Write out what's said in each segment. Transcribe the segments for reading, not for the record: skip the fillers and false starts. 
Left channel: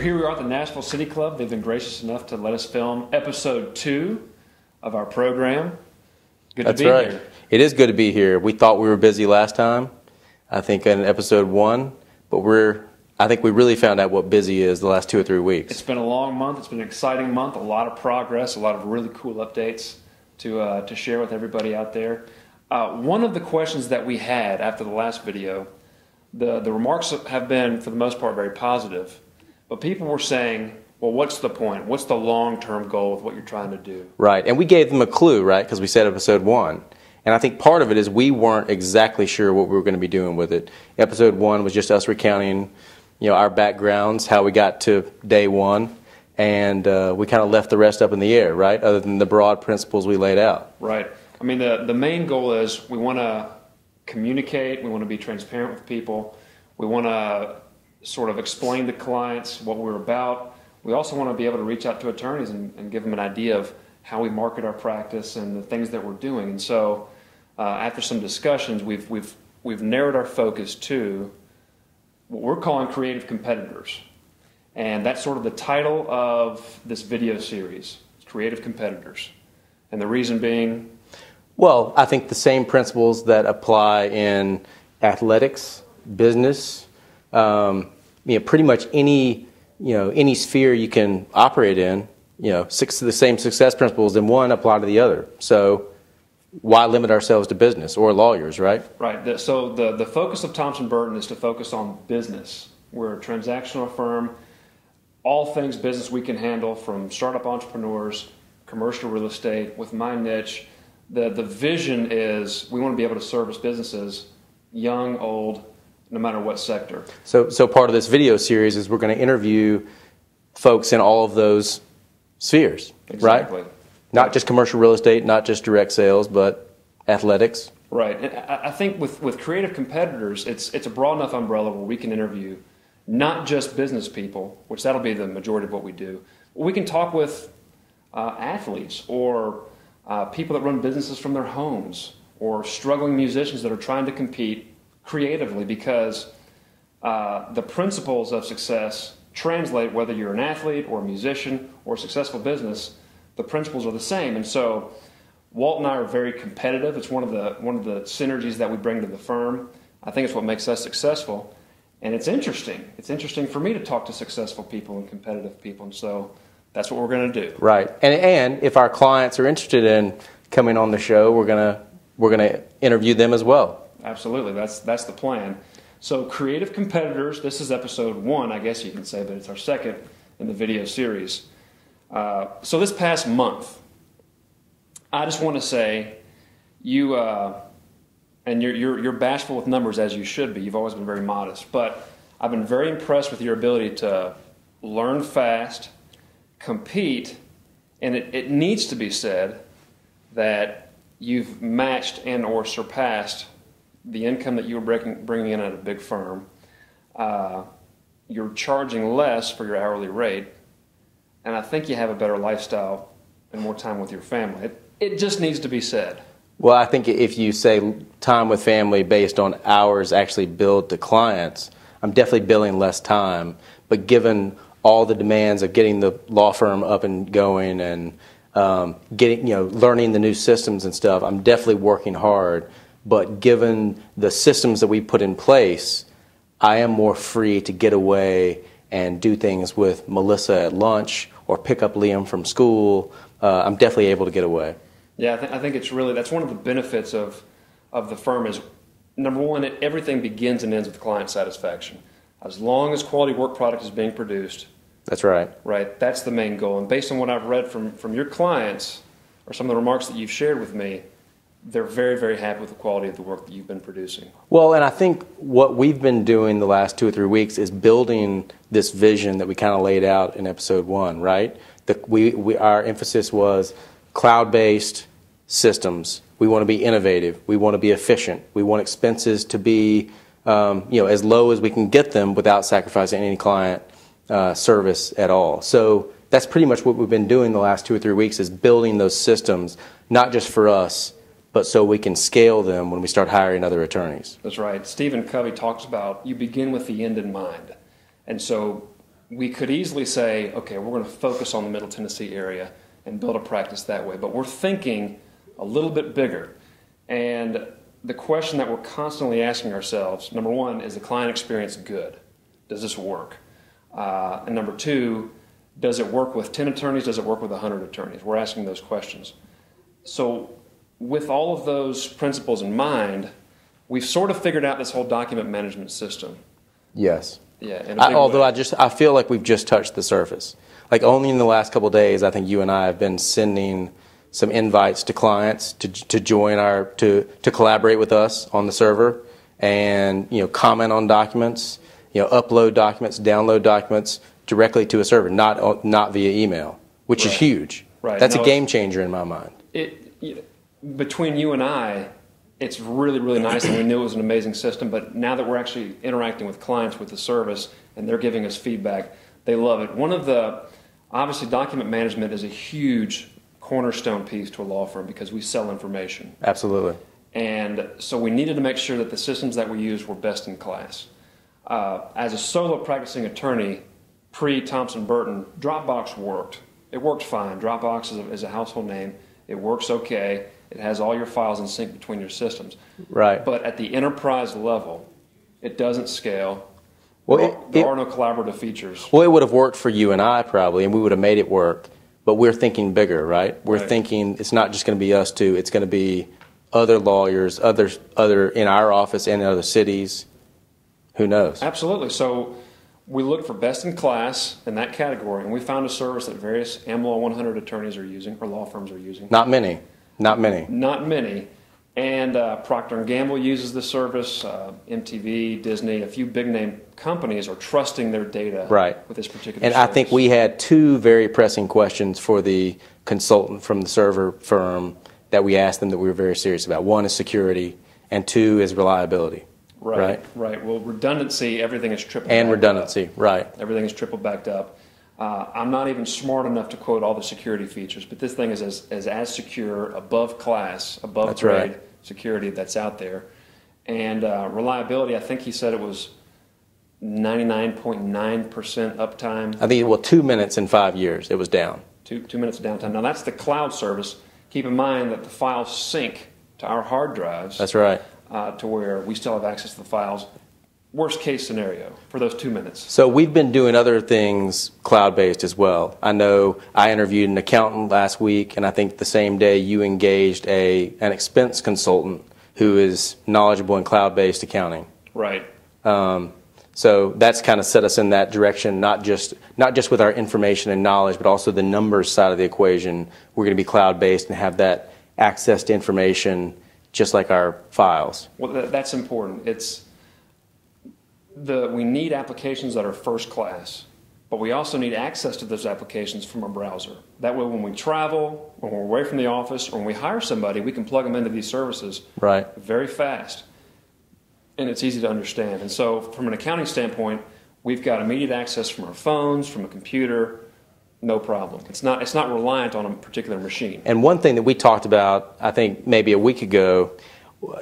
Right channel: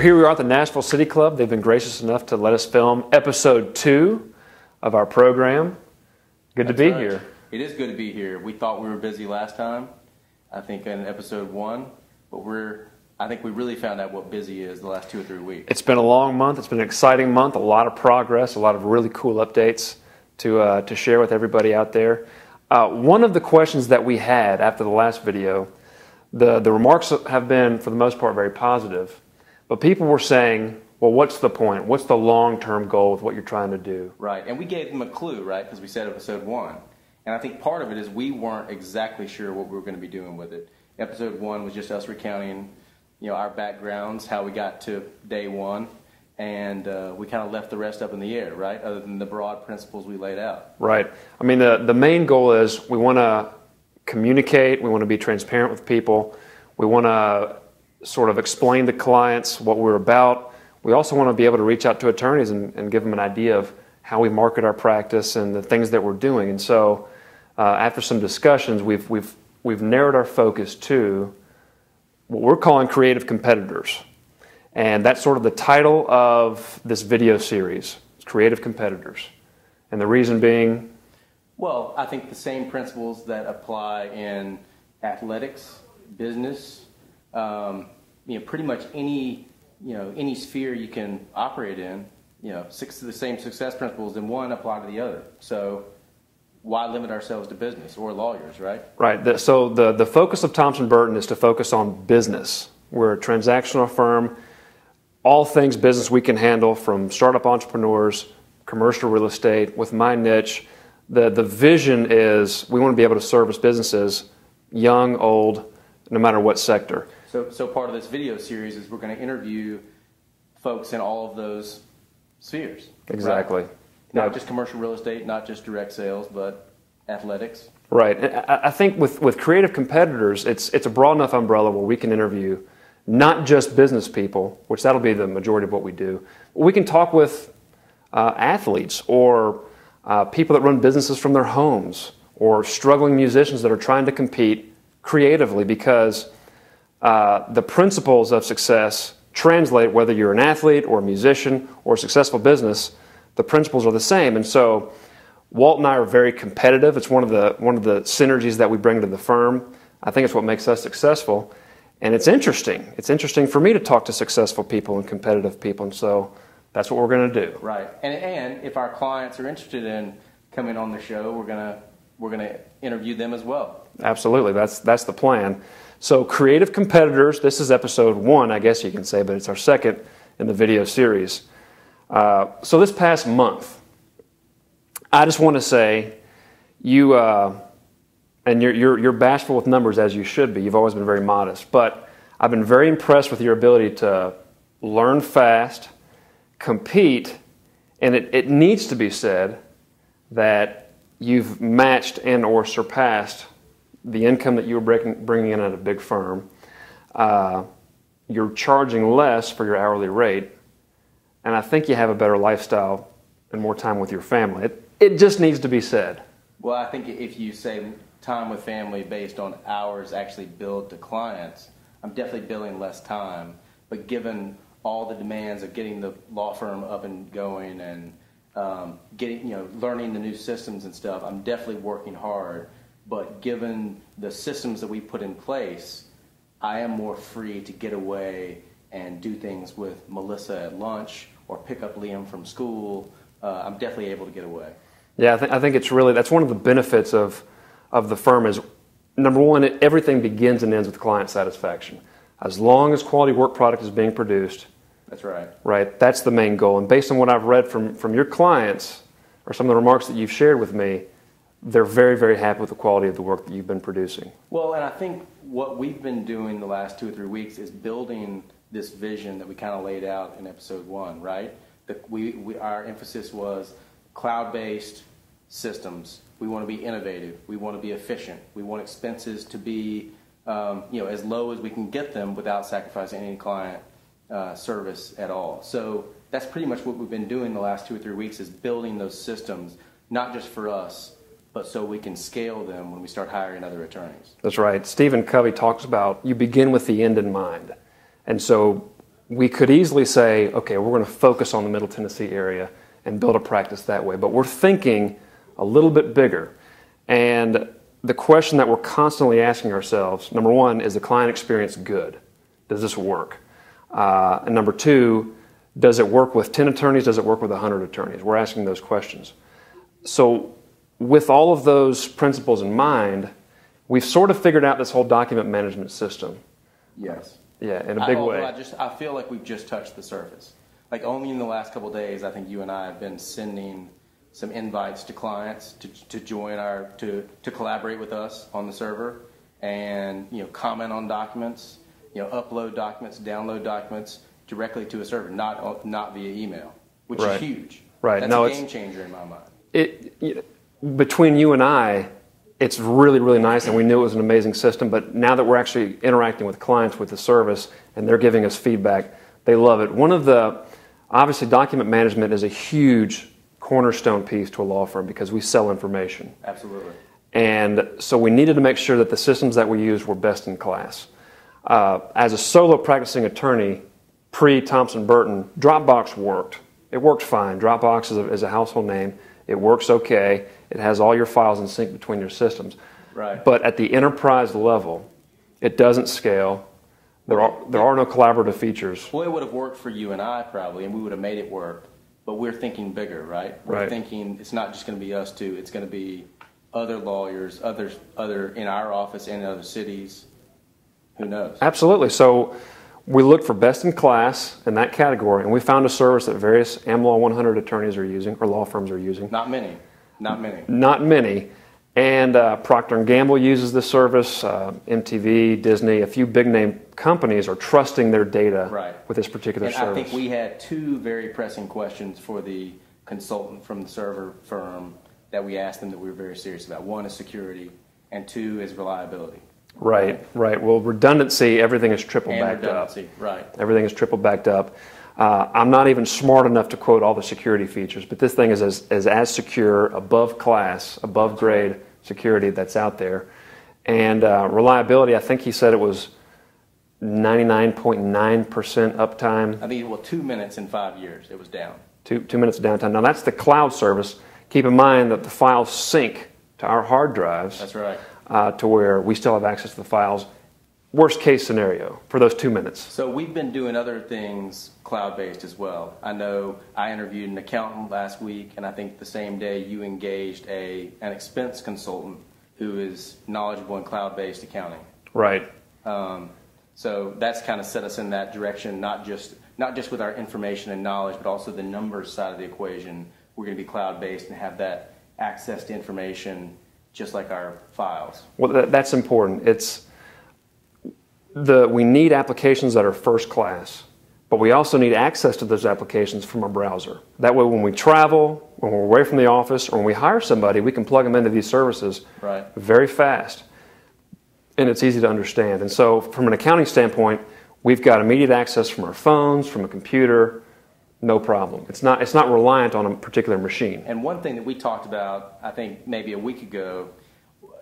here we are at the Nashville City Club. They've been gracious enough to let us film episode 2 of our program. Good to be here. It is good to be here. We thought we were busy last time, I think in episode 1, but I think we really found out what busy is the last 2 or 3 weeks. It's been a long month. It's been an exciting month. A lot of progress, a lot of really cool updates to share with everybody out there. One of the questions that we had after the last video, the remarks have been, for the most part, very positive. But people were saying, well, what's the point? What's the long-term goal with what you're trying to do? Right, and we gave them a clue, right, because we said episode 1. And I think part of it is we weren't exactly sure what we were going to be doing with it. Episode 1 was just us recounting, our backgrounds, how we got to day 1, and we kind of left the rest up in the air, right, other than the broad principles we laid out. Right. I mean, the main goal is we want to communicate, we want to be transparent with people, we want to sort of explain to clients what we're about. We also want to be able to reach out to attorneys and give them an idea of how we market our practice and the things that we're doing. And so after some discussions, we've narrowed our focus to what we're calling creative competitors. And that's sort of the title of this video series, Creative Competitors. And the reason being? Well, I think the same principles that apply in athletics, business, pretty much any sphere you can operate in, the same success principles in one apply to the other. So why limit ourselves to business or lawyers, right? Right. So the focus of Thompson Burton is to focus on business. We're a transactional firm. All things business we can handle, from startup entrepreneurs, commercial real estate. With my niche, the vision is we want to be able to service businesses, young, old, no matter what sector. So part of this video series is we're going to interview folks in all of those spheres, exactly. Right? Not just commercial real estate, not just direct sales, but athletics. Right. And I think with creative competitors, it's a broad enough umbrella where we can interview not just business people, which that'll be the majority of what we do. We can talk with athletes or people that run businesses from their homes, or struggling musicians that are trying to compete creatively, because the principles of success translate whether you're an athlete or a musician or a successful business. The principles are the same. And so Walt and I are very competitive. It's one of the synergies that we bring to the firm. I think it's what makes us successful. And it's interesting. It's interesting for me to talk to successful people and competitive people. And so that's what we're going to do. Right. And if our clients are interested in coming on the show, we're going to interview them as well. Absolutely. That's the plan. So creative competitors, this is episode 1, I guess you can say, but it's our second in the video series. So this past month, I just want to say you, and you're bashful with numbers, as you should be. You've always been very modest. But I've been very impressed with your ability to learn fast, compete, and it needs to be said that you've matched and or surpassed the income that you were bringing in at a big firm. You're charging less for your hourly rate, and I think you have a better lifestyle and more time with your family. It just needs to be said. Well, I think if you say time with family based on hours actually billed to clients, I'm definitely billing less time. But given all the demands of getting the law firm up and going and learning the new systems and stuff, I'm definitely working hard. But given the systems that we put in place, I am more free to get away and do things with Melissa at lunch or pick up Liam from school. I'm definitely able to get away. Yeah, I think it's really, that's one of the benefits of the firm is, number one, everything begins and ends with client satisfaction. As long as quality work product is being produced. That's right. Right, that's the main goal. And based on what I've read from your clients, or some of the remarks that you've shared with me, they're very, very happy with the quality of the work that you've been producing. Well, and I think what we've been doing the last 2 or 3 weeks is building this vision that we kind of laid out in episode 1, right? Our emphasis was cloud-based systems. We want to be innovative. We want to be efficient. We want expenses to be as low as we can get them without sacrificing any client service at all. So that's pretty much what we've been doing the last 2 or 3 weeks, is building those systems, not just for us, but so we can scale them when we start hiring other attorneys. That's right. Stephen Covey talks about you begin with the end in mind. And so we could easily say, okay, we're going to focus on the Middle Tennessee area and build a practice that way. But we're thinking a little bit bigger. And the question that we're constantly asking ourselves, number one, is the client experience good? Does this work? And number two, does it work with 10 attorneys? Does it work with 100 attorneys? We're asking those questions. So with all of those principles in mind, we've sort of figured out this whole document management system. Yes. Yeah, in a big although way. I feel like we've just touched the surface. Like only in the last couple of days, I think you and I have been sending some invites to clients to join to collaborate with us on the server, and comment on documents, upload documents, download documents directly to a server, not via email, which is huge. Right. That's a game changer in my mind. Between you and I, it's really, really nice, and we knew it was an amazing system, but now that we're actually interacting with clients with the service and they're giving us feedback, they love it. Obviously document management is a huge cornerstone piece to a law firm because we sell information. Absolutely. And so we needed to make sure that the systems that we used were best in class. As a solo practicing attorney, pre-Thompson Burton, Dropbox worked. It worked fine. Dropbox is a household name. It works okay. It has all your files in sync between your systems. Right. But at the enterprise level, it doesn't scale. There are no collaborative features. Well, it would have worked for you and I probably, and we would have made it work. But we're thinking bigger, right? We're thinking it's not just going to be us two. It's going to be other lawyers, other in our office and in other cities. Who knows? Absolutely. So we looked for best in class in that category, and we found a service that various AmLaw 100 attorneys are using, or law firms are using. Not many. And Procter & Gamble uses this service. MTV, Disney, a few big-name companies are trusting their data with this particular service. And I think we had two very pressing questions for the consultant from the server firm that we asked them that we were very serious about. One is security, and two is reliability. Right. Well, redundancy, everything is triple backed up. And redundancy, right. Everything is triple backed up. I'm not even smart enough to quote all the security features, but this thing is as secure, above class, above grade security that's out there. And reliability, I think he said it was 99.9% uptime. I think, 2 minutes in 5 years, it was down. 2 minutes of downtime. Now, that's the cloud service. Keep in mind that the files sync to our hard drives. That's right. To where we still have access to the files. Worst case scenario for those 2 minutes. So we've been doing other things cloud-based as well. I know I interviewed an accountant last week, and I think the same day you engaged an expense consultant who is knowledgeable in cloud-based accounting. Right. So that's kind of set us in that direction, not just with our information and knowledge, but also the numbers side of the equation. We're going to be cloud-based and have that access to information just like our files. Well, that's important. We need applications that are first class, but we also need access to those applications from our browser. That way, when we travel, when we're away from the office, or when we hire somebody, we can plug them into these services very fast, and it's easy to understand. And so, from an accounting standpoint, we've got immediate access from our phones, from a computer, no problem. It's not reliant on a particular machine. And one thing that we talked about, I think maybe a week ago,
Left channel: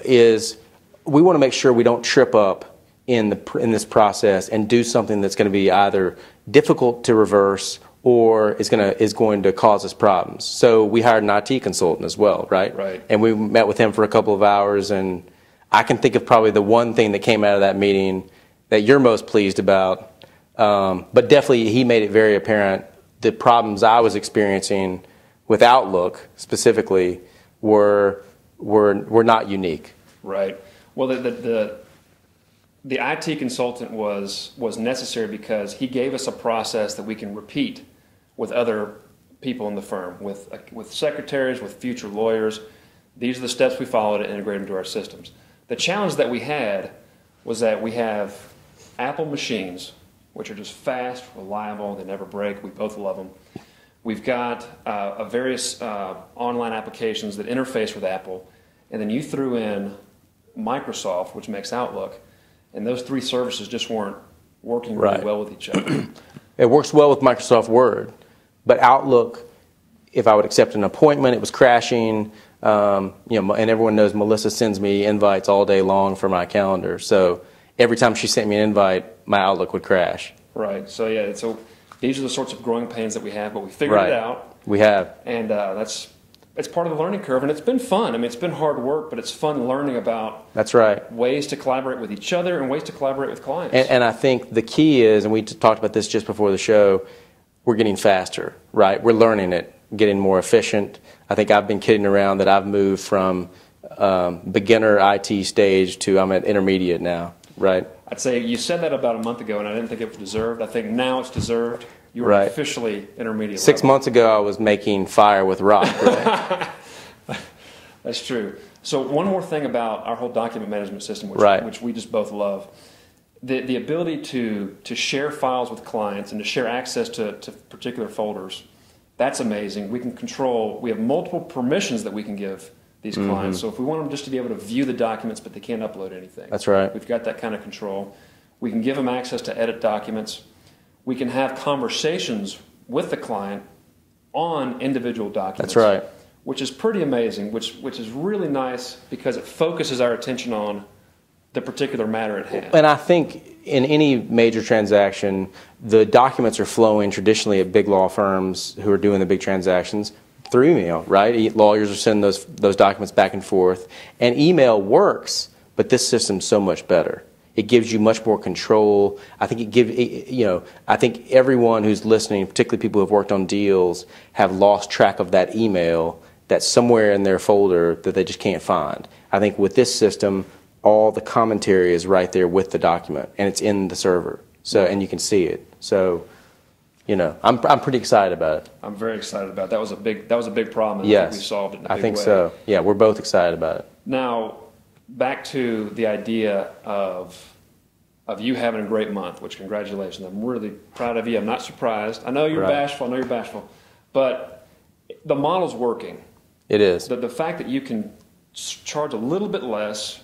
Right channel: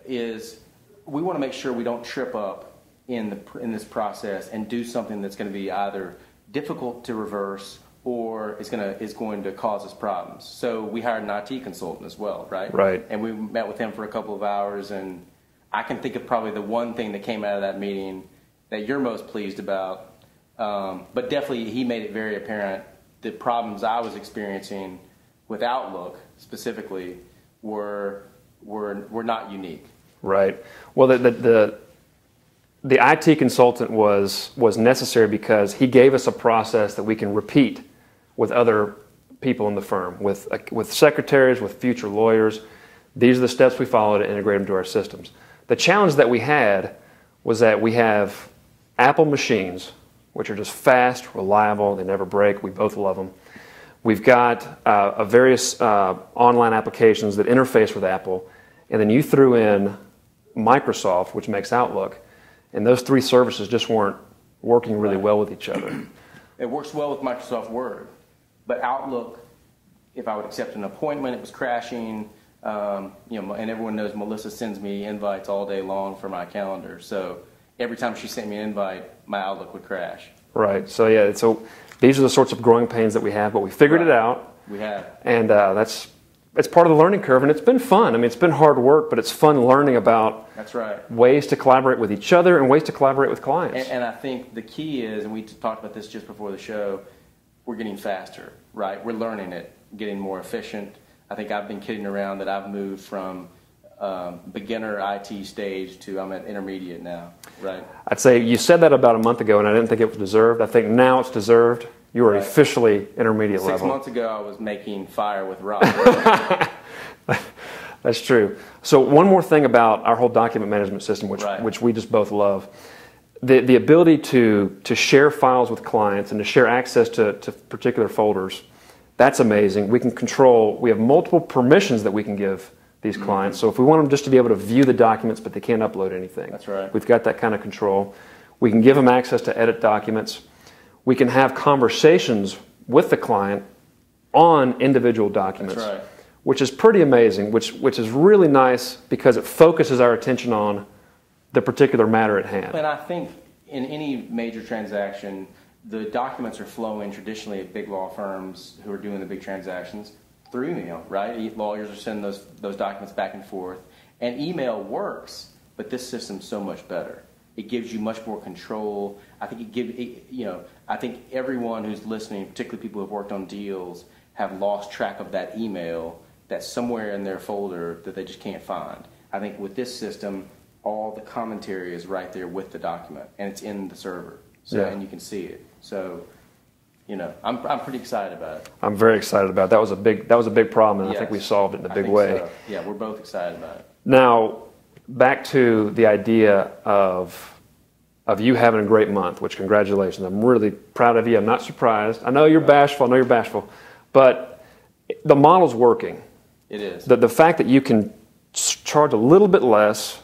is we want to make sure we don't trip up in this process and do something that's going to be either difficult to reverse or is going to cause us problems. So we hired an IT consultant as well, right? Right. And we met with him for a couple of hours, and I can think of probably the one thing that came out of that meeting that you're most pleased about, but definitely he made it very apparent the problems I was experiencing with Outlook specifically were not unique. Right. Well, the IT consultant was necessary because he gave us a process that we can repeat with other people in the firm, with secretaries, with future lawyers. These are the steps we follow to integrate them to our systems. The challenge that we had was that we have Apple machines, which are just fast, reliable, they never break. We both love them. We've got various online applications that interface with Apple, and then you threw in Microsoft, which makes Outlook, and those three services just weren't working really well with each other. It works well with Microsoft Word, but Outlook, if I would accept an appointment, it was crashing. And everyone knows Melissa sends me invites all day long for my calendar. So every time she sent me an invite, my Outlook would crash. Right. So yeah. So these are the sorts of growing pains that we have, but we figured it out. We have, and it's part of the learning curve, and it's been fun. I mean, it's been hard work, but it's fun learning about ways to collaborate with each other and ways to collaborate with clients. And I think the key is, and we talked about this just before the show, we're getting faster, right? We're learning it, getting more efficient. I think I've been kidding around that I've moved from beginner IT stage to I'm at intermediate now, right? I'd say you said that about a month ago, and I didn't think it was deserved. I think now it's deserved. You were officially intermediate 6 months ago, I was making fire with rock. Right? That's true. So one more thing about our whole document management system, which we just both love. The ability to share files with clients and to share access to particular folders, that's amazing. We can control, we have multiple permissions that we can give these clients. So if we want them just to be able to view the documents but they can't upload anything. That's right. We've got that kind of control. We can give them access to edit documents. We can have conversations with the client on individual documents. That's right. Which is pretty amazing, which is really nice because it focuses our attention on the particular matter at hand. And I think in any major transaction, the documents are flowing traditionally at big law firms who are doing the big transactions through email, right? Lawyers are sending those documents back and forth. And email works, but this system's so much better. It gives you much more control. I think I think everyone who's listening, particularly people who have worked on deals, have lost track of that email that's somewhere in their folder that they just can't find. I think with this system, all the commentary is right there with the document, and it's in the server. So, and you can see it. So, I'm pretty excited about it. I'm very excited about it. That was a big problem, and I think we solved it in a big way. I think so. Yeah, we're both excited about it. Now, back to the idea of you having a great month, which congratulations. I'm really proud of you. I'm not surprised. I know you're bashful. But the model's working. It is. The fact that you can charge a little bit less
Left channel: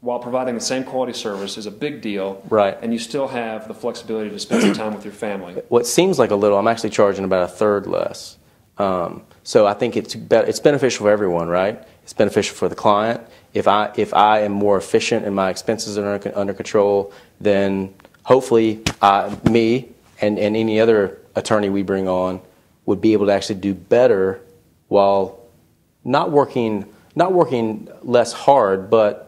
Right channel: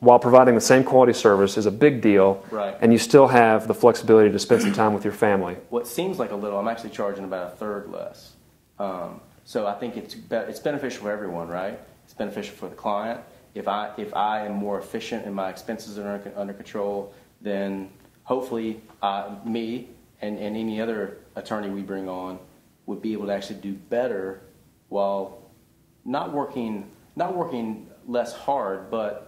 while providing the same quality service is a big deal. Right. And you still have the flexibility to spend some time with your family. What seems like a little, I'm actually charging about a third less. So I think it's beneficial for everyone, right? It's beneficial for the client. If I am more efficient and my expenses are under control, then hopefully me and any other attorney we bring on would be able to actually do better while not working less hard, but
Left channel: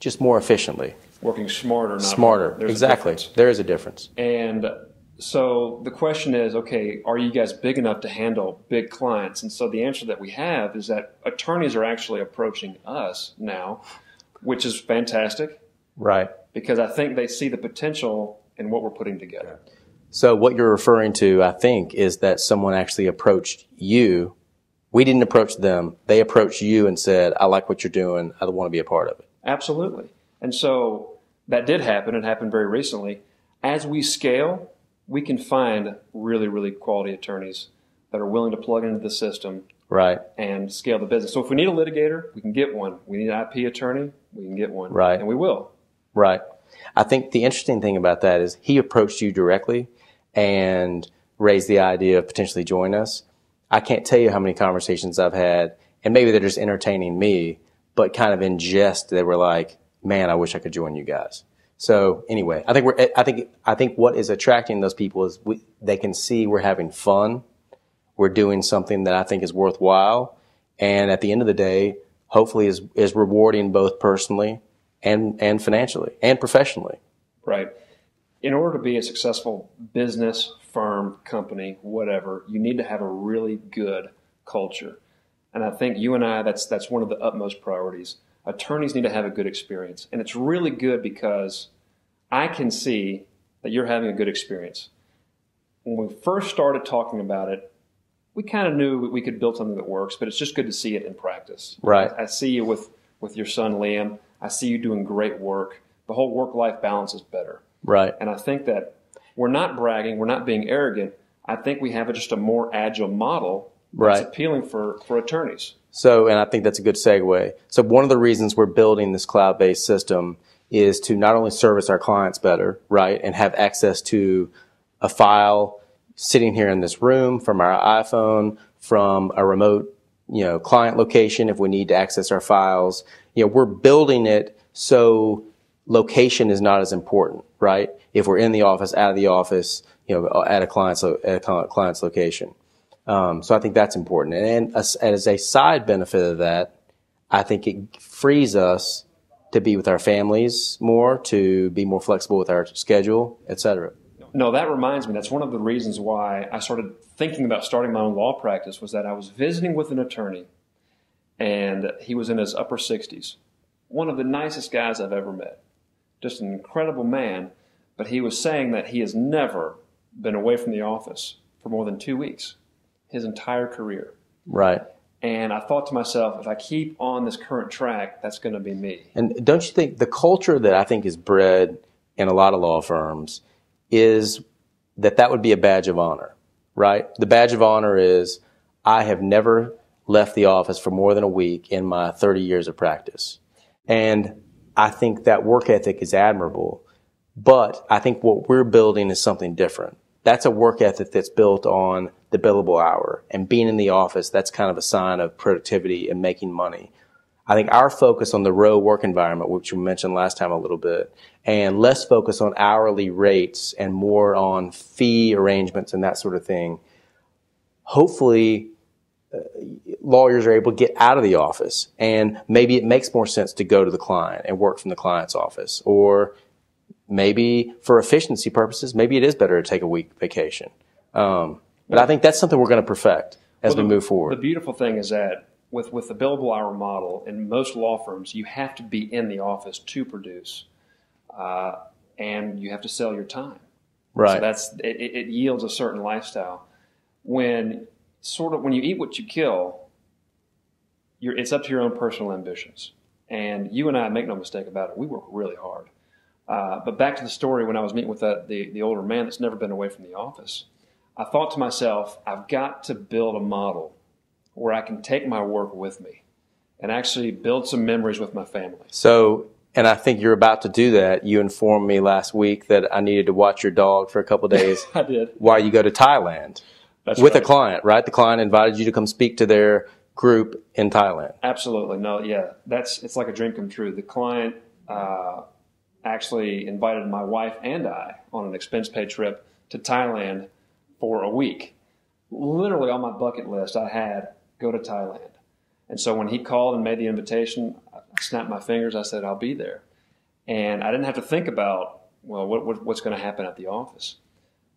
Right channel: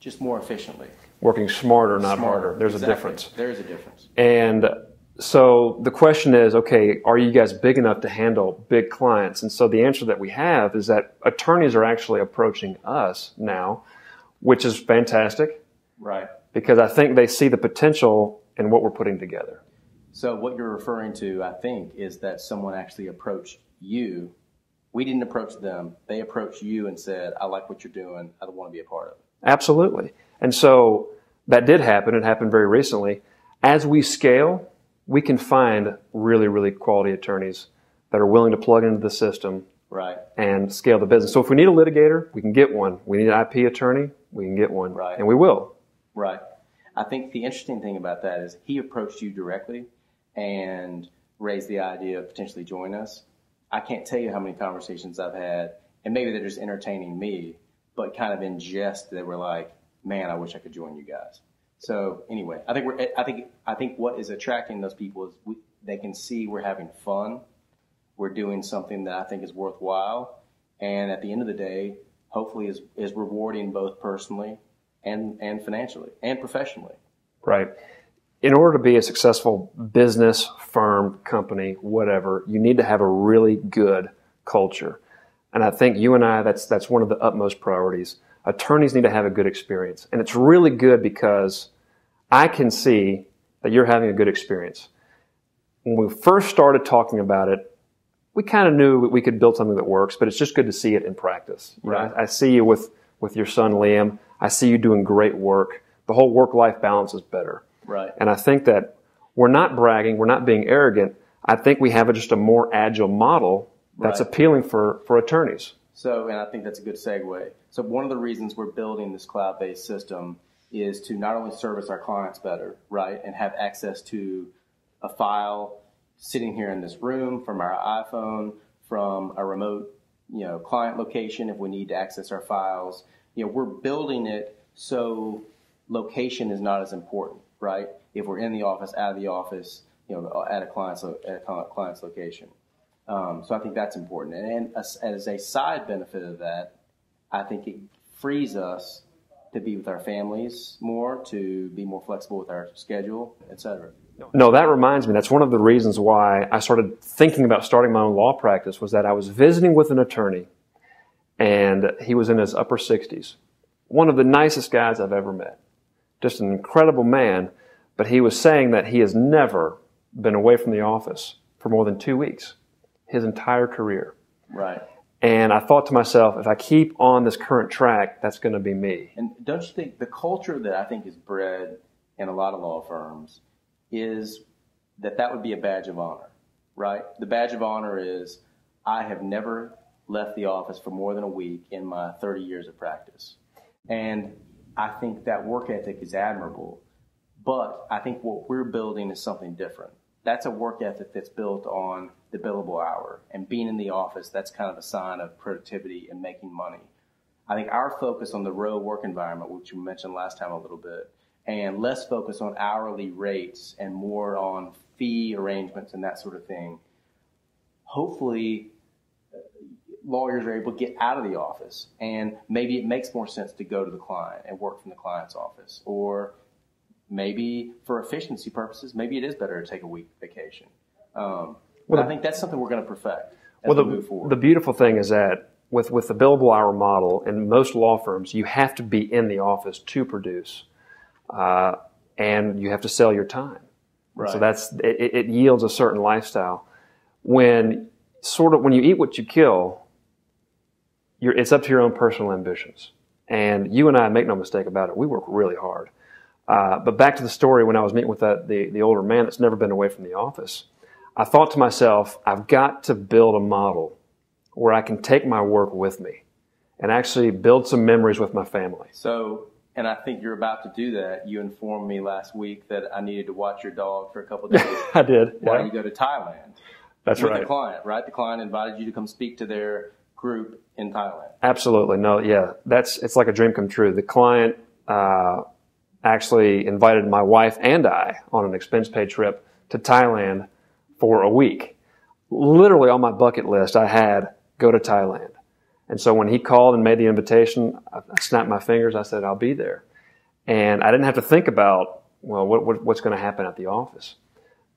just more efficiently. Working smarter, not smarter. Harder. There's exactly. a difference. There is a difference. And so the question is, okay, are you guys big enough to handle big clients? And so the answer that we have is that attorneys are actually approaching us now, which is fantastic. Right. Because I think they see the potential in what we're putting together. So what you're referring to, I think, is that someone actually approached you. We didn't approach them. They approached you and said, I like what you're doing. I want to be a part of it. Absolutely. And so that did happen. It happened very recently. As we scale, we can find really, really quality attorneys that are willing to plug into the system and scale the business. So if we need a litigator, we can get one. We need an IP attorney, we can get one. Right. And we will. Right. I think the interesting thing about that is he approached you directly and raised the idea of potentially joining us. I can't tell you how many conversations I've had, and maybe they're just entertaining me, but kind of in jest, they were like, man, I wish I could join you guys. So anyway, I think what is attracting those people is they can see we're having fun. We're doing something that I think is worthwhile. And at the end of the day, hopefully is rewarding both personally and financially and professionally. Right. In order to be a successful business, firm, company, whatever, you need to have a really good culture. And I think you and I, that's one of the utmost priorities. Attorneys need to have a good experience. And it's really good because I can see that you're having a good experience. When we first started talking about it, we kind of knew we could build something that works, but it's just good to see it in practice. Right. I see you with your son, Liam. I see you doing great work. The whole work-life balance is better. Right. And I think that we're not bragging, we're not being arrogant. I think we have just a more agile model that's appealing for attorneys. So, and I think that's a good segue. So one of the reasons we're building this cloud-based system is to not only service our clients better, right, and have access to a file sitting here in this room from our iPhone, from a remote, client location if we need to access our files. We're building it so location is not as important, right? if we're in the office, out of the office, at a client's location. So I think that's important. And as a side benefit of that, I think it frees us to be with our families more, to be more flexible with our schedule, et cetera. No, that reminds me. That's one of the reasons why I started thinking about starting my own law practice, was that I was visiting with an attorney, and he was in his upper 60s. One of the nicest guys I've ever met. Just an incredible man, but he was saying that he has never been away from the office for more than 2 weeks, his entire career. Right. And I thought to myself, if I keep on this current track, that's going to be me. And don't you think the culture that I think is bred in a lot of law firms is that would be a badge of honor, right? The badge of honor is, I have never left the office for more than a week in my 30 years of practice. And I think that work ethic is admirable. But I think what we're building is something different. That's a work ethic that's built on the billable hour. And being in the office, that's kind of a sign of productivity and making money. I think our focus on the row work environment, which we mentioned last time a little bit, and less focus on hourly rates and more on fee arrangements and that sort of thing, hopefully lawyers are able to get out of the office. And maybe it makes more sense to go to the client and work from the client's office. Or maybe for efficiency purposes, maybe it is better to take a week vacation. But I think that's something we're going to perfect as we move forward. The beautiful thing is that with the billable hour model, in most law firms, you have to be in the office to produce, and you have to sell your time. Right. So it yields a certain lifestyle. When you eat what you kill, it's up to your own personal ambitions. And you and I, make no mistake about it, we work really hard. But back to the story, when I was meeting with the older man that's never been away from the office, I thought to myself, I've got to build a model where I can take my work with me and actually build some memories with my family. So, and I think you're about to do that. You informed me last week that I needed to watch your dog for a couple of days. I did. While you go to Thailand. That's with right. a client, right? The client invited you to come speak to their group in Thailand. Absolutely. No, yeah. It's like a dream come true. The client actually invited my wife and I on an expense-paid trip to Thailand for a week. Literally on my bucket list, I had go to Thailand. And so when he called and made the invitation, I snapped my fingers. I said, I'll be there. And I didn't have to think about, well, what's going to happen at the office.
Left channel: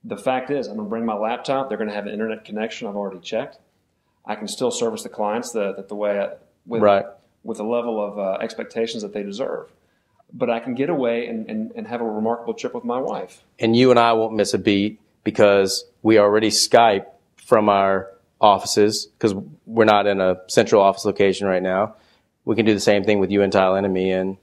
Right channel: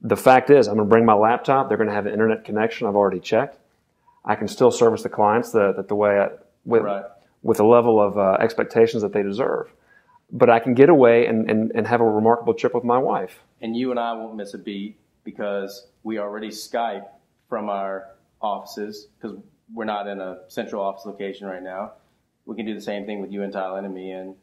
The fact is, I'm going to bring my laptop. They're going to have an internet connection. I've already checked. I can still service the clients the way with a level of expectations that they deserve. But I can get away and have a remarkable trip with my wife. And you and I won't miss a beat because we already Skype from our offices, because we're not in a central office location right now. We can do the same thing with you in Thailand and me in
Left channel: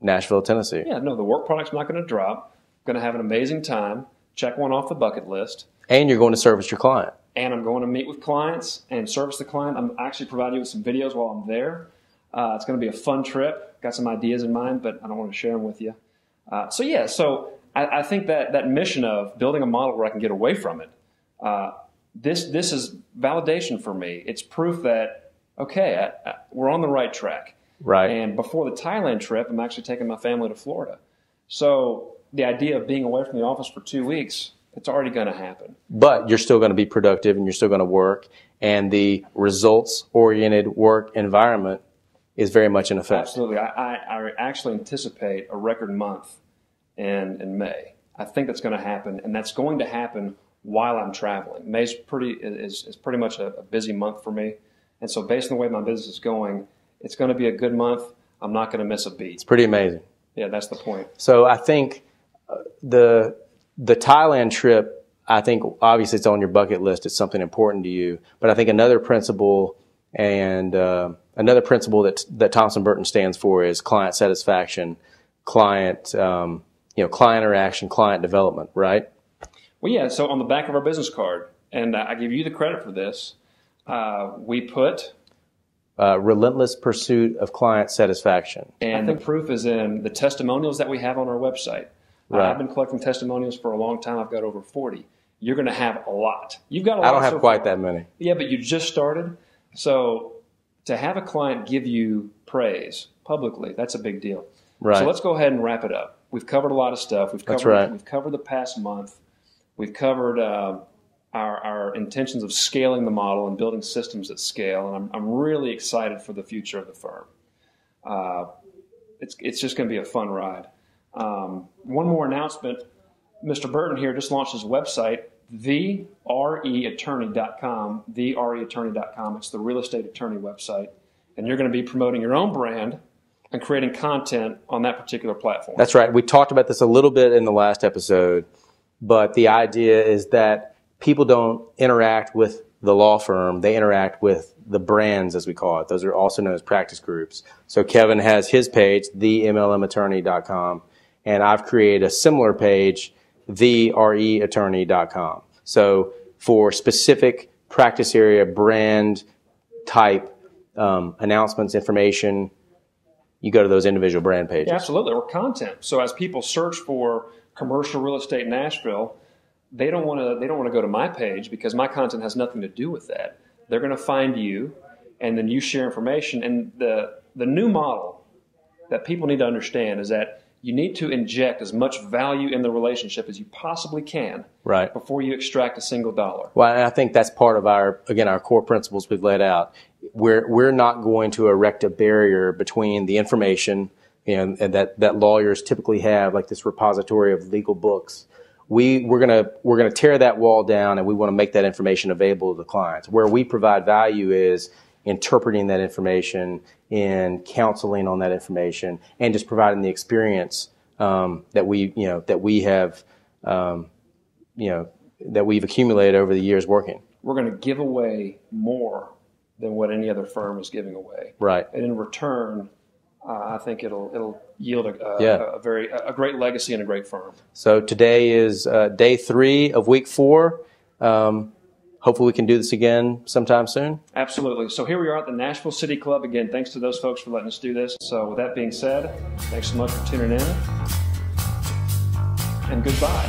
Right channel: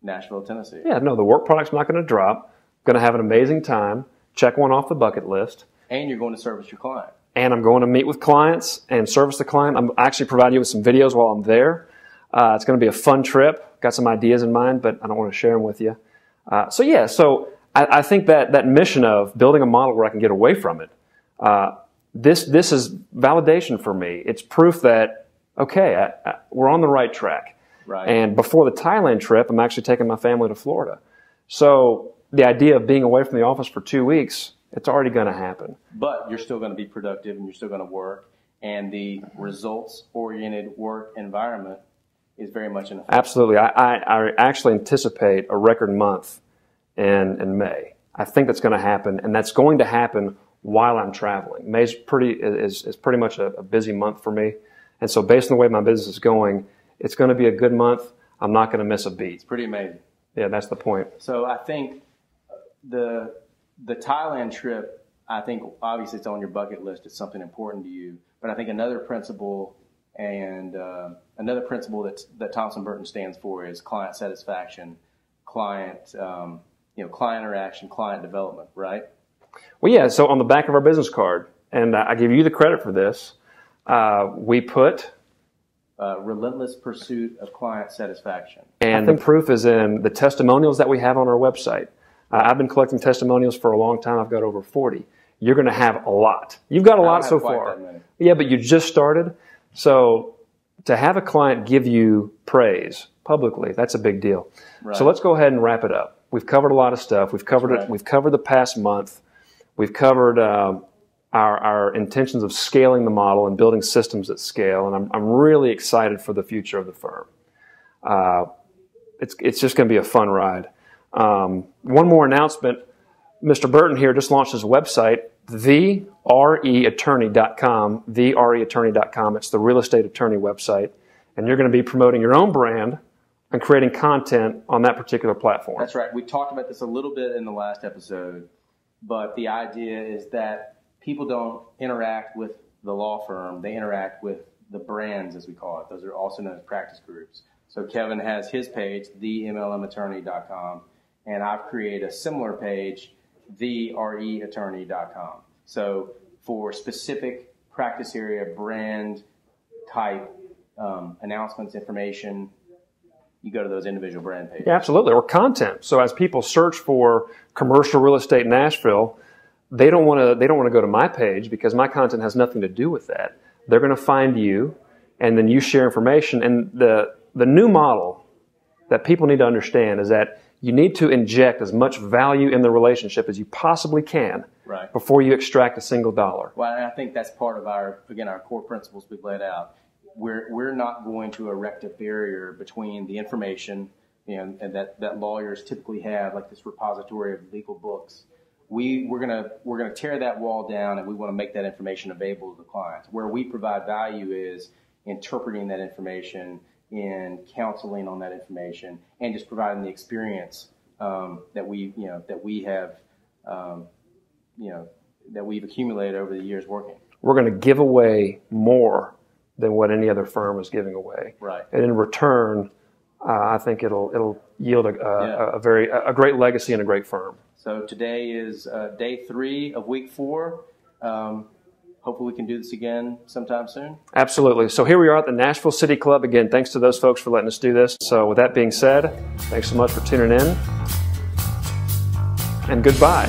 Nashville, Tennessee. Yeah, no, the work product's not going to drop. Going to have an amazing time. Check one off the bucket list. And you're going to service your client. And I'm going to meet with clients and service the client. I'm actually providing you with some videos while I'm there. It's going to be a fun trip. Got some ideas in mind, but I don't want to share them with you. So I think that mission of building a model where I can get away from it, this is validation for me. It's proof that, okay, we're on the right track. Right. And before the Thailand trip, I'm actually taking my family to Florida. So the idea of being away from the office for 2 weeks, it's already going to happen. But you're still going to be productive and you're still going to work. And the results-oriented work environment is very much in effect. Absolutely. I actually anticipate a record month in May. I think that's going to happen, and that's going to happen while I'm traveling. May's is pretty much a busy month for me. And so based on the way my business is going, it's going to be a good month. I'm not going to miss a beat. It's pretty amazing. Yeah, that's the point. So I think the Thailand trip, I think obviously it's on your bucket list. It's something important to you. But I think another principle that Thompson Burton stands for is client satisfaction, client interaction, client development, right? Well, yeah. So on the back of our business card, and I give you the credit for this, we put relentless pursuit of client satisfaction. And the proof is in the testimonials that we have on our website. Right. I've been collecting testimonials for a long time. I've got over 40. You're going to have a lot. You've got a lot so far. I don't have quite that many. Yeah, but you just started. So to have a client give you praise publicly, that's a big deal. Right. So let's go ahead and wrap it up. we've covered a lot of stuff. We've covered right. We've covered the past month. We've covered our intentions of scaling the model and building systems at scale, and I'm really excited for the future of the firm. It's just going to be a fun ride. One more announcement. Mr. Burton here just launched his website, thereattorney.com, thereattorney.com. It's the real estate attorney website, and you're going to be promoting your own brand and creating content on that particular platform. That's right. We talked about this a little bit in the last episode, but the idea is that people don't interact with the law firm. They interact with the brands, as we call it. Those are also known as practice groups. So Kevin has his page, themlmattorney.com, and I've created a similar page, thereattorney.com. So for specific practice area, brand type announcements, information, you go to those individual brand pages. Yeah, absolutely, or content. So as people search for commercial real estate in Nashville, they don't want to go to my page because my content has nothing to do with that. They're going to find you, and then you share information. And the new model that people need to understand is that you need to inject as much value in the relationship as you possibly can before you extract a single dollar. Well, and I think that's part of our core principles we've laid out. We're not going to erect a barrier between the information, and that lawyers typically have, like this repository of legal books. We're gonna tear that wall down, and we want to make that information available to the clients. Where we provide value is interpreting that information, in counseling on that information, and just providing the experience that we've accumulated over the years working. We're going to give away more than what any other firm is giving away. Right. And in return, I think it'll yield a great legacy and a great firm. So today is day 3 of week 4. Hopefully we can do this again sometime soon. Absolutely. So here we are at the Nashville City Club. Again, thanks to those folks for letting us do this. So with that being said, thanks so much for tuning in, and goodbye.